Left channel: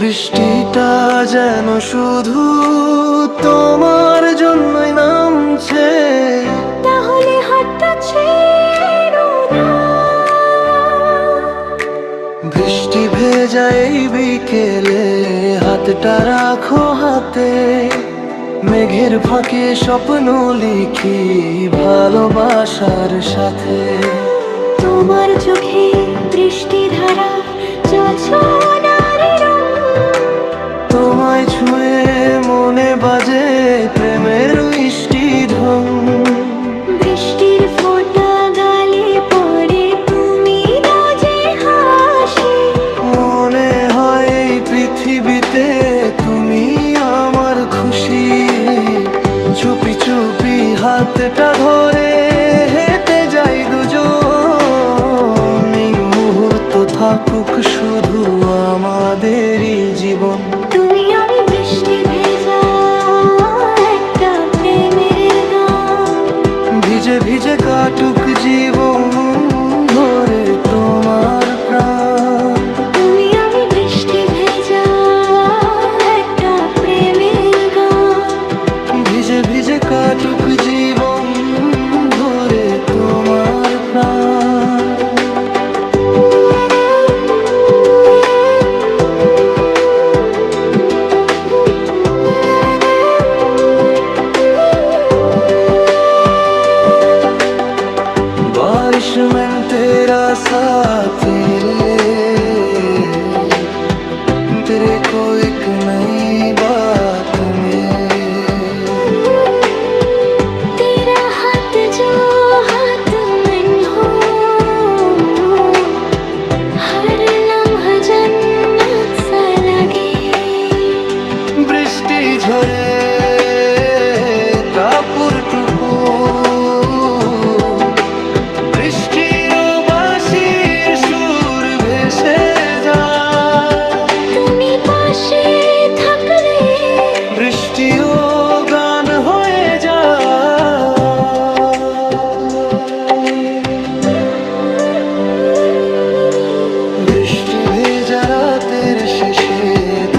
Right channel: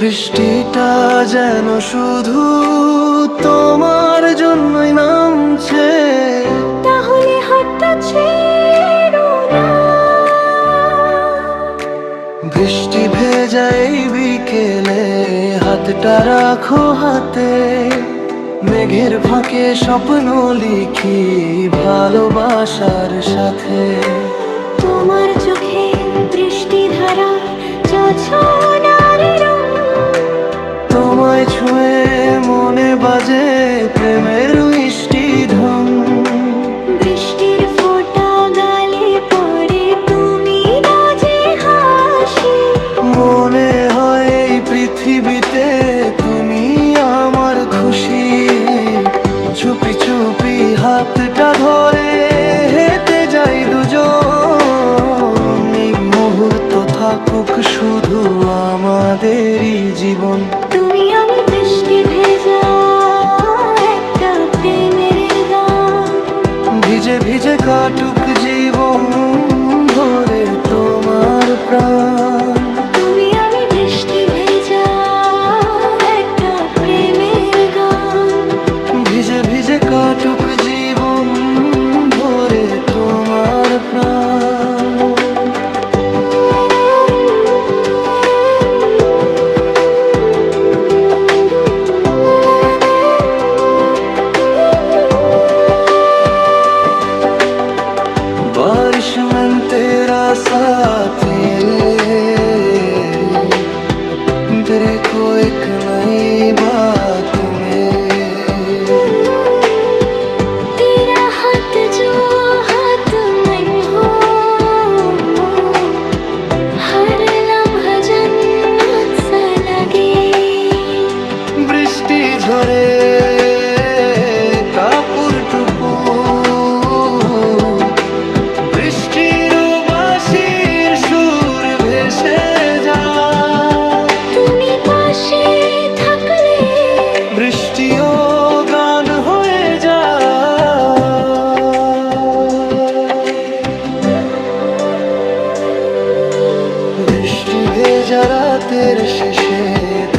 বৃষ্টিটা যেন শুধু তোমার জন্যই নামছে, তাহলে হাতটা ছেড়ো না। বৃষ্টি ভেজা এই বিকেলে হাতটা রাখো হাতে, মেঘের ফাঁকে স্বপ্ন লিখি ভালোবাসার সাথে। তোমার চোখে বৃষ্টি ধারা জোছনার রং, তোমায় ছুঁয়ে মনে বাজে প্রেমের মিষ্টি ঢং। বৃষ্টির ফোঁটা গালে পড়ে তুমি দাও যে হাসি, মনে হয় এই পৃথিবীতে তুমি আমার খুশি। চুপি চুপি হাতটা ধরে হেঁটে যাই দুজন, এই মুহূর্ত থাকুক শুধু আমাদেরই জীবন। তুমি আমি বৃষ্টি ভেজা একটা প্রেমের গান, ভিজে ভিজে কাটুক জীবন ধরে তোমার প্রাণ। তুমি আমি বৃষ্টি ভেজা একটা প্রেমের গান, ভিজে ভিজে কাটুক জীবন ধরে তোমার প্রাণ। बारिश में तेरा साथ ले, तेरे को एक नई बात में। तेरा हाथ जो हाथ में हो, हर लम्हा जन्नत सा लगे। বৃষ্টি ঝরে কাপুর টুপুর, বৃষ্টির বাঁশির সুর ভেসে যায়। তুমি পাশে থাকলে বৃষ্টিও গান হয়ে যায়। বৃষ্টি ভেজা রাতের শেষে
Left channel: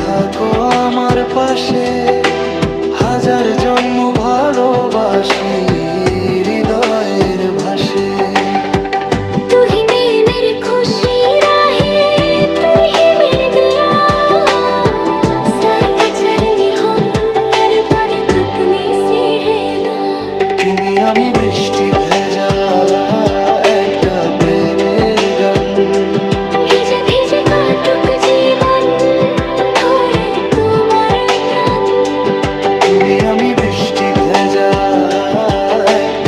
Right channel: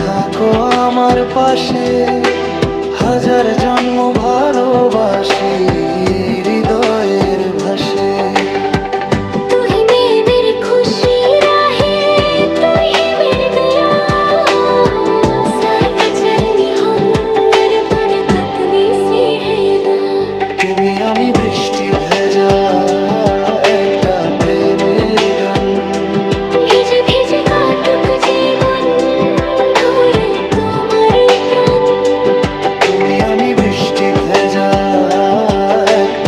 থাকো আমার পাশে, হাজার জন্ম ভালোবাসি হৃদয়ের ভাষে। तू ही मेरी खुशी राहे, तू ही मेरी दया, सर पे चढ़नी हम मेरे बरकत सी है दुआ। তুমি আমি বৃষ্টি ভেজা একটা প্রেমের গান, ভিজে ভিজে কাটুক জীবন ধরে তোমার প্রাণ। তুমি আমি বৃষ্টি ভেজা একটা